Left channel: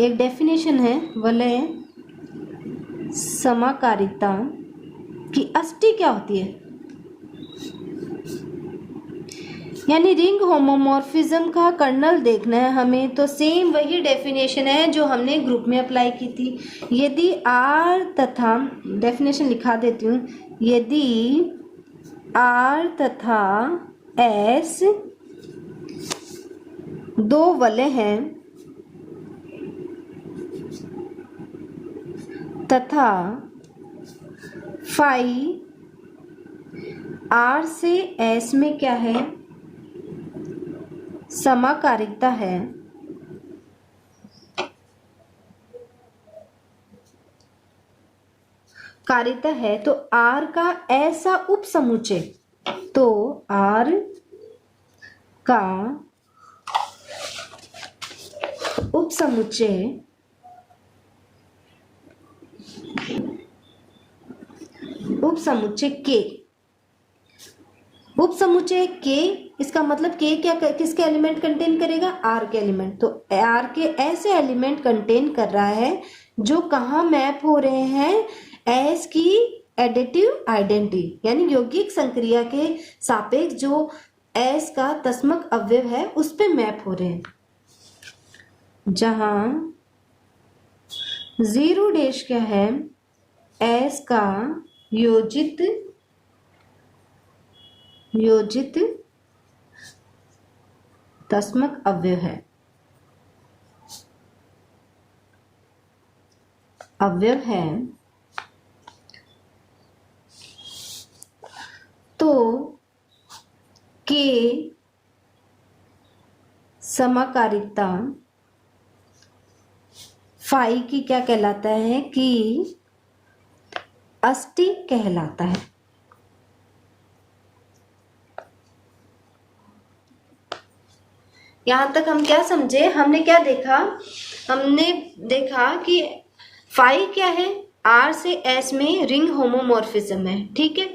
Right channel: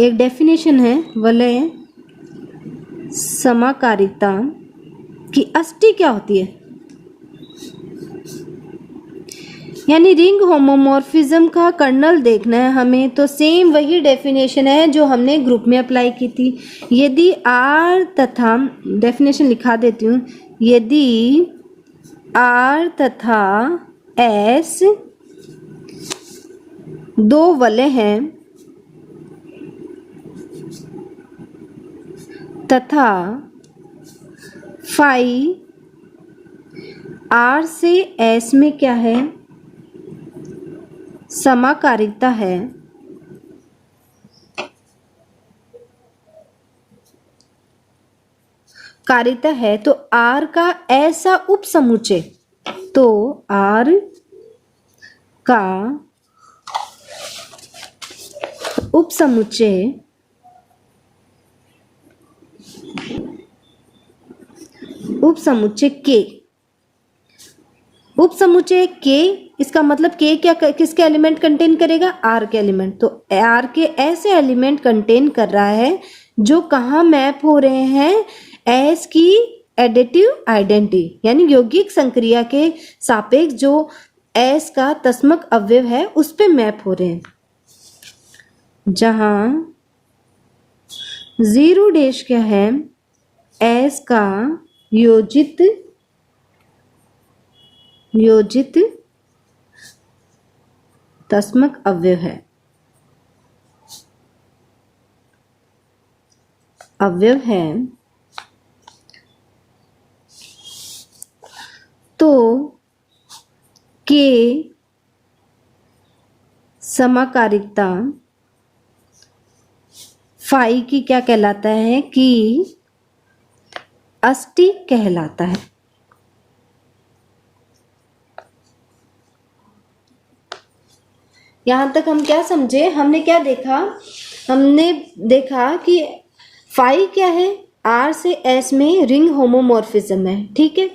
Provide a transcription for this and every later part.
एक डेफिनेशन है वलय समाकारिता की अष्टी क्या होती है, यानी रिंग होमोमॉर्फिज्म का कर्नल देखना है हमें, तो सेम वही डेफिनेशन है जो हमने ग्रुप में अप्लाई की थी। यदि आर तथा, डेफिनेशन लिखा देती हूँ, यदि आर तथा एस दो वलय हैं तथा फाई आर से एस में क्या है, समाकारिता है, कारिता है, तो आर का ऐसा उपसमुच्चय, तो आर का उपसमुच्चय के, उपसमुच्चय के, इसका मतलब के क्या किसके एलिमेंट कंटेन करेगा, आर के एलिमेंट, तो आर के ऐसे एलिमेंट कंटेन कर रहा है जो कहाँ मैप हो रहे हैं, एस की एडिटिव आइडेंटिटी यानी यौगिक संक्रिया के सापेक्ष जो एस का तस्मक अवयव है उस पे मैप हो रहे हैं, जहां जीरो डैश क्या है, एस का योजित तस्मक अवयव है, तो के समाकारिता फाई की क्या कहलाता है कि अष्टी कहलाता है। यहां तक हम क्या समझे, हमने क्या देखा, हमने देखा कि फाई क्या है, आर से एस में रिंग होमोमॉर्फिज्म है, ठीक है।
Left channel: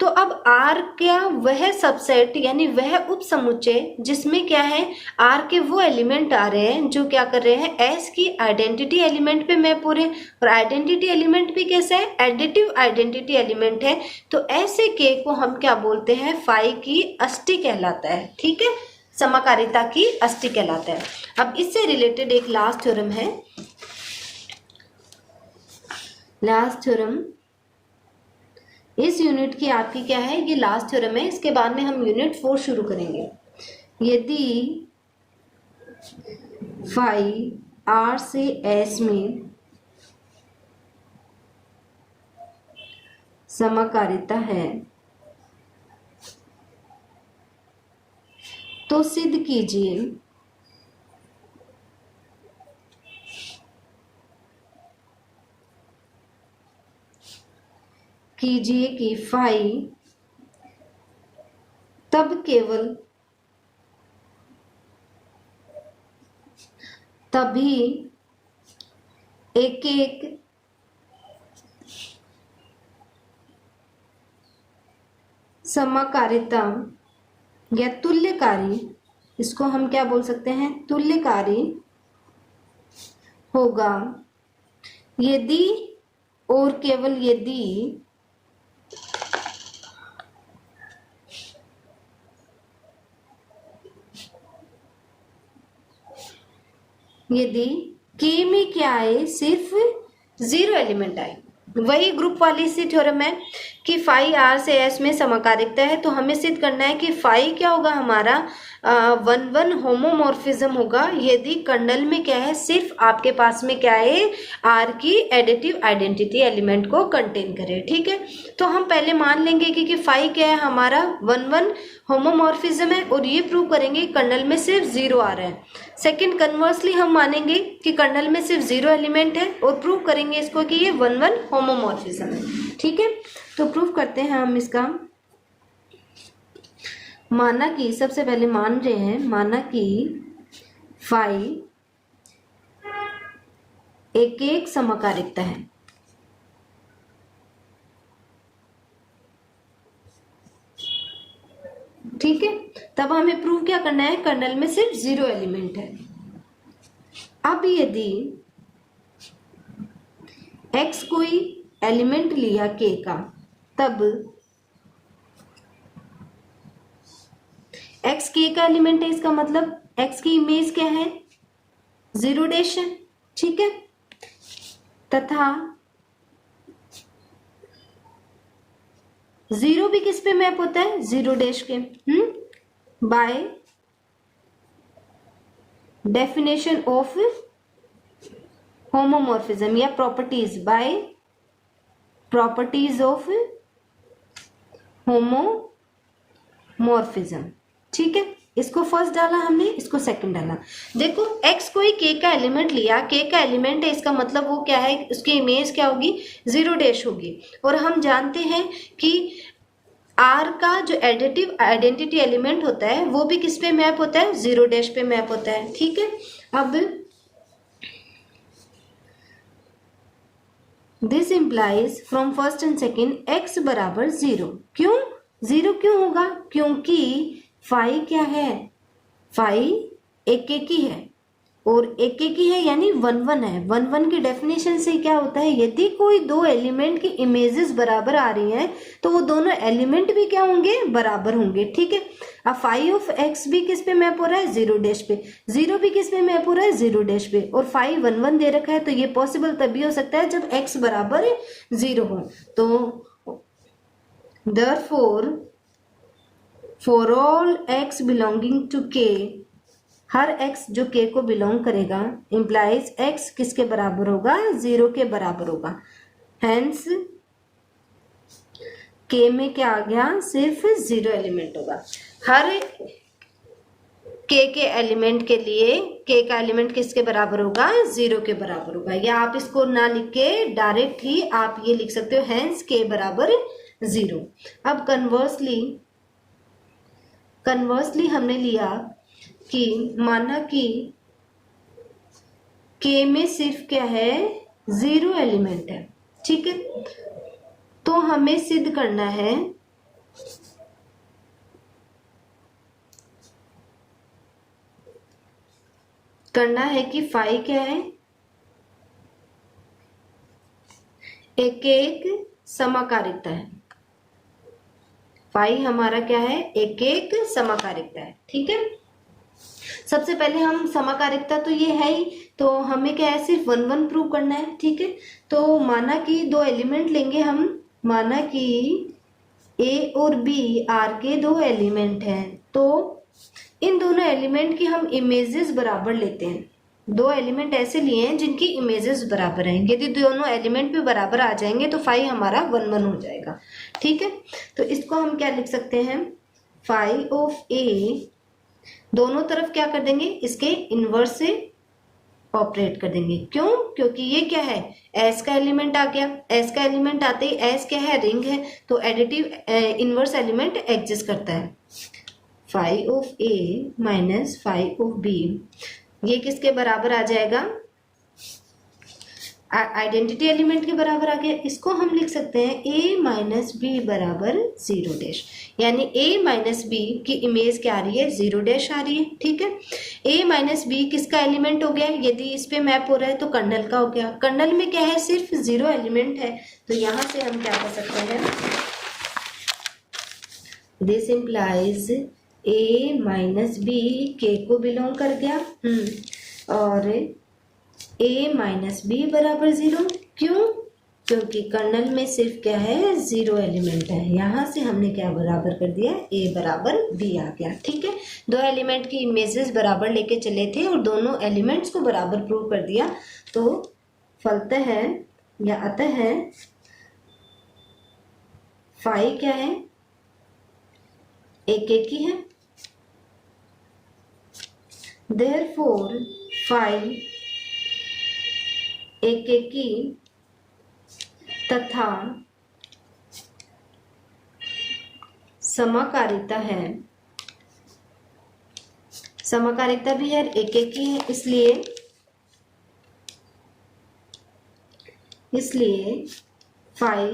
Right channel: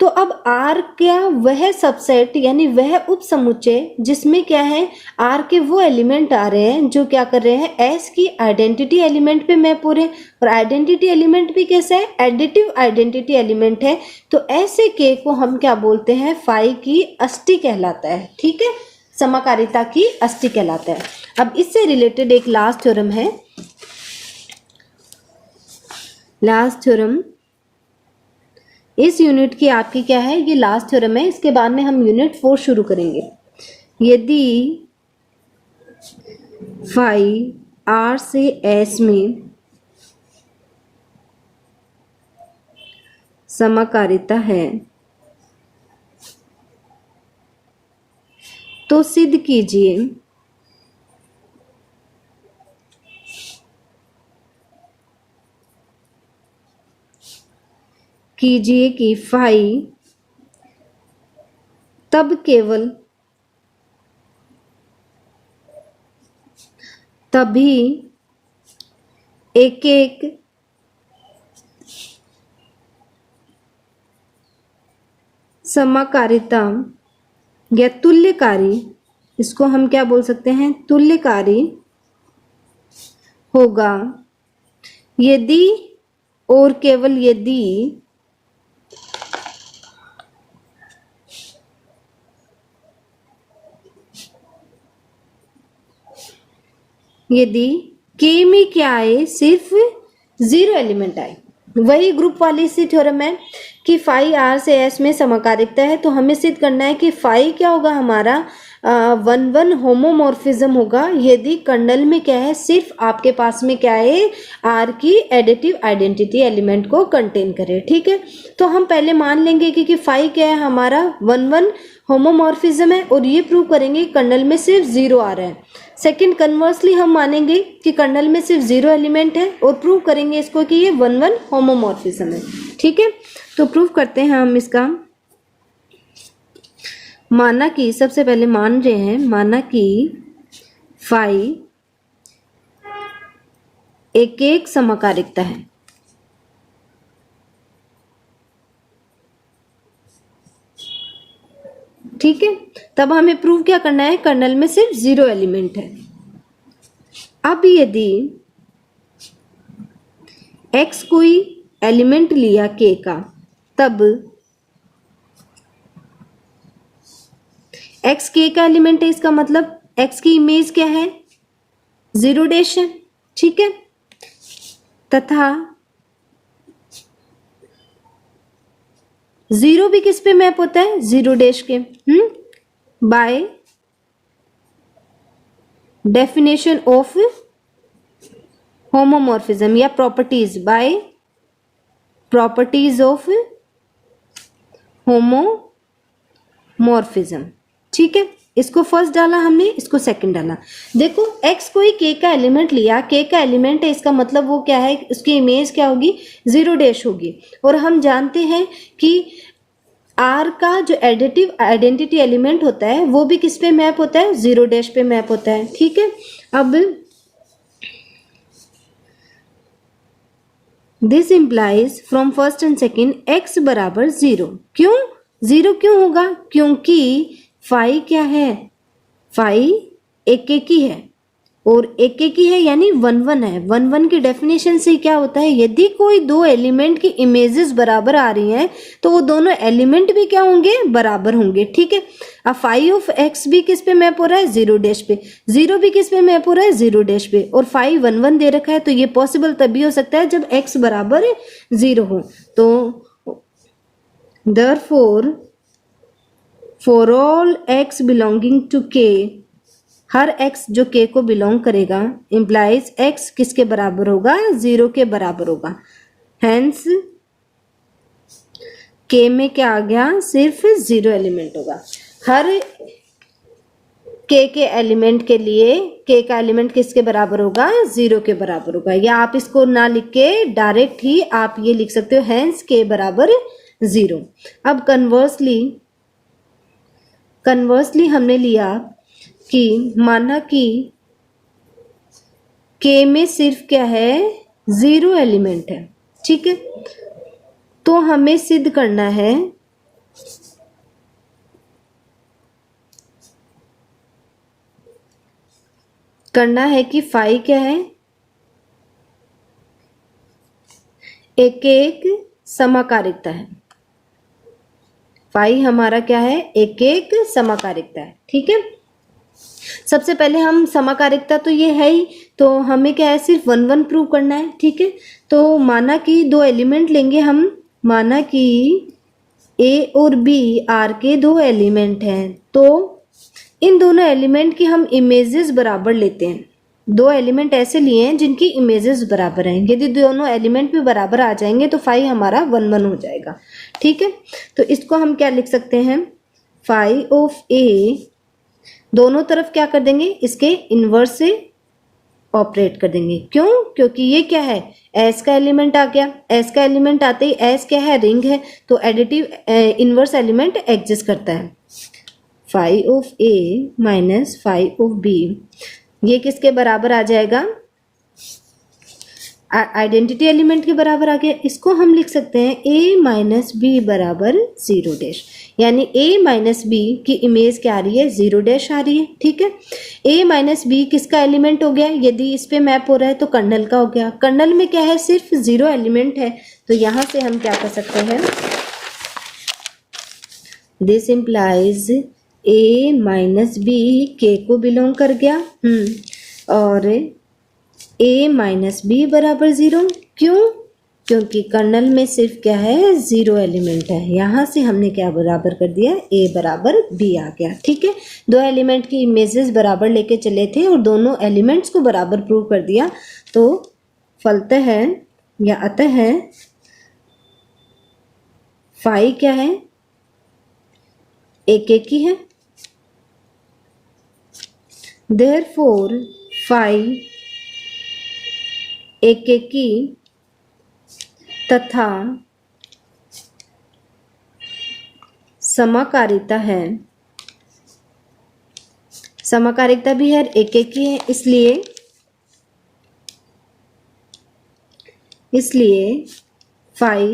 तो अब आर क्या वह सबसेट यानी वह उपसमुच्चय जिसमें क्या है, आर के वो एलिमेंट आ रहे हैं जो क्या कर रहे हैं, एस की आइडेंटिटी एलिमेंट पे मैप हो रहे हैं, और आइडेंटिटी एलिमेंट भी कैसा है, एडिटिव आइडेंटिटी एलिमेंट है, तो ऐसे के को हम क्या बोलते हैं, फाई की अष्टी कहलाता है, ठीक है, समाकारिता की अष्टी कहलाता है। अब इससे रिलेटेड एक लास्ट थ्योरम है, लास्ट थ्योरम इस यूनिट की आपकी क्या है, ये लास्ट थ्योरम है, इसके बाद में हम यूनिट 4 शुरू करेंगे। यदि फाई आर से एस में समाकारिता है तो सिद्ध कीजिए कि फाई तब केवल तभी एक एक समाकारिता या तुल्यकारी, इसको हम क्या बोल सकते हैं, तुल्यकारी होगा यदि और केवल यदि के में क्या आए, सिर्फ जीरो एलिमेंट आए। वही ग्रुप वाली सी थ्योरम है कि फाई आर से एस में समाकारिता है, तो हमें सिद्ध करना है कि फाई क्या होगा हमारा, 1-1 होमोमॉर्फिज्म होगा यदि कर्नल में क्या है, सिर्फ आपके पास में क्या है, आर की एडिटिव आइडेंटिटी एलिमेंट को कंटेन करे, ठीक है। तो हम पहले मान लेंगे कि फाई क्या है हमारा, 1-1 होमोमॉर्फिज्म है, और ये प्रूव करेंगे कर्नल में सिर्फ जीरो आ रहा है। सेकंड, कन्वर्सली हम मानेंगे कि कर्नल में सिर्फ जीरो एलिमेंट है और प्रूव करेंगे इसको कि ये 1-1 होमोमॉर्फिज्म है, ठीक है। तो प्रूव करते हैं हम इसका, माना कि सबसे पहले मान रहे हैं, माना कि फाई एक एक समकारिकता है, ठीक है। तब हमें प्रूव क्या करना है, कर्नल में सिर्फ जीरो एलिमेंट है, अब यदि x कोई एलिमेंट लिया k का, तब x k का एलिमेंट है, इसका मतलब x की इमेज क्या है, 0 डैश है, ठीक है। तथा 0 भी किस पे मैप होता है, 0 डैश के, बाय डेफिनेशन ऑफ होमोमॉर्फिज्म या properties, by properties of homomorphism, ठीक है। इसको फर्स्ट डाला हमने, इसको सेकंड डाला। देखो x कोई k का एलिमेंट लिया, k का एलिमेंट है, इसका मतलब वो क्या है, उसकी इमेज क्या होगी, 0 डैश होगी। और हम जानते हैं कि r का जो एडिटिव आइडेंटिटी एलिमेंट होता है वो भी किस पे मैप होता है, 0 डैश पे मैप होता है, ठीक है। अब this implies from first and second x बराबर 0। क्यों 0 क्यों होगा, क्योंकि फाई क्या है, फाई एक एक ही है, और एक एक ही है यानी 1 1 है। 1 1 की डेफिनेशन से क्या होता है, यदि कोई दो एलिमेंट की इमेजेस बराबर आ रही हैं तो वो दोनों एलिमेंट भी क्या होंगे, बराबर होंगे, ठीक है। अब फाई ऑफ एक्स भी किस पे मैप हो रहा है, 0 डैश पे, 0 भी किस पे मैप हो रहा है, 0 डैश पे, और फाई 1 1 दे रखा है। तो ये पॉसिबल तभी हो सकता है जब x बराबर 0 हो। तो therefore for all x belonging to k, हर x जो k को बिलोंग करेगा, इंप्लाइज x किसके बराबर होगा, 0 के बराबर होगा। हेंस k में क्या आ गया, सिर्फ 0 एलिमेंट होगा। हर k के एलिमेंट के लिए k का एलिमेंट किसके बराबर होगा, 0 के बराबर होगा। या आप इसको ना लिख के डायरेक्ट ही आप ये लिख सकते हो, हेंस k बराबर 0। अब कन्वर्सली हमने लिया कि माना कि k में सिर्फ क्या है, 0 एलिमेंट है, ठीक है। तो हमें सिद्ध करना है कि फाई क्या है, एक एक समाकारिकता है। फाई हमारा क्या है, एक एक समाकारिकता है, ठीक है। सबसे पहले हम समाकारिकता तो ये है ही, तो हमें क्या है, सिर्फ 1 1 प्रूव करना है, ठीक है। तो माना कि दो एलिमेंट लेंगे हम, माना कि a और b r के दो एलिमेंट हैं, तो इन दोनों एलिमेंट की हम इमेजेस बराबर लेते हैं। दो एलिमेंट ऐसे लिए हैं जिनकी इमेजेस बराबर हैं, यदि दोनों एलिमेंट भी बराबर आ जाएंगे तो फाई हमारा 1 1 हो जाएगा, ठीक है। तो इसको हम क्या लिख सकते हैं, फाई ऑफ a, दोनों तरफ क्या कर देंगे, इसके इनवर्स से ऑपरेट कर देंगे। क्यों, क्योंकि ये क्या है, एस का एलिमेंट आ गया, एस का एलिमेंट आते ही एस क्या है, रिंग है, तो एडिटिव इनवर्स एलिमेंट एग्जिस्ट करता है। Phi of a minus phi of b, ये किसके बराबर आ जाएगा, आइडेंटिटी एलिमेंट के बराबर आ गया। इसको हम लिख सकते हैं a माइनस बी बराबर 0 डैश, यानी a माइनस बी की इमेज क्या आ रही है, 0 डैश आ रही है, ठीक है। a माइनस बी किसका एलिमेंट हो गया, यदि इस पे मैप हो रहा है तो कर्नल का हो गया। कर्नल में क्या है, सिर्फ 0 एलिमेंट है, तो यहां से हम क्या कर सकते हैं, this implies a minus b k को बिलोंग कर गया, और a माइनस बी बराबर 0। क्यों, क्योंकि कर्नल में सिर्फ क्या है, 0 एलिमेंट है। यहां से हमने क्या बराबर कर दिया, a बराबर b आ गया, ठीक है। दो एलिमेंट की इमेजेस बराबर लेके चले थे और दोनों एलिमेंट्स को बराबर प्रूव कर दिया, तो फलतः है या अतः है फाई क्या है, एक एक ही है। देयरफॉर फाई एक एक की तथा समाकारिता है, समाकारिता भी हर एक एक की है, इसलिए फाई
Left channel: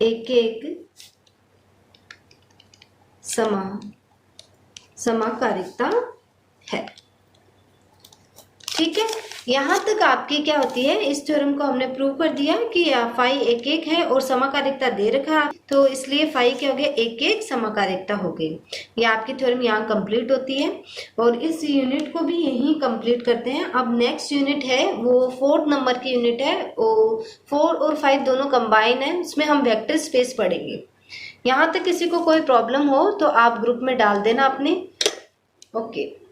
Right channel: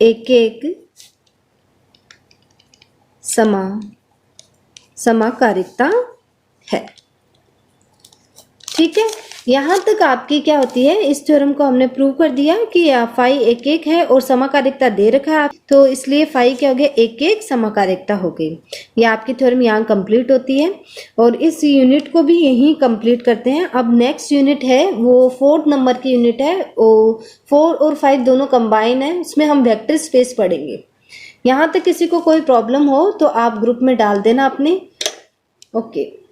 एक एक समाकारिता है। ठीक है, यहाँ तक आपकी क्या होती है, इस थ्योरम को हमने प्रूव कर दिया कि फाई एक एक है और समकालिकता दे रखा है, तो इसलिए फाई क्या हो गया, एक एक समकालिकता हो गई। ये आपकी थ्योरम यहाँ कंप्लीट होती है और इस यूनिट को भी यही कंप्लीट करते हैं। अब नेक्स्ट यूनिट है वो 4th नंबर की यूनिट है, वो 4 और 5 दोनों कंबाइन है, उसमें हम वेक्टर स्पेस पढ़ेंगे। यहाँ तक किसी को कोई प्रॉब्लम हो तो आप ग्रुप में डाल देना अपने। ओके।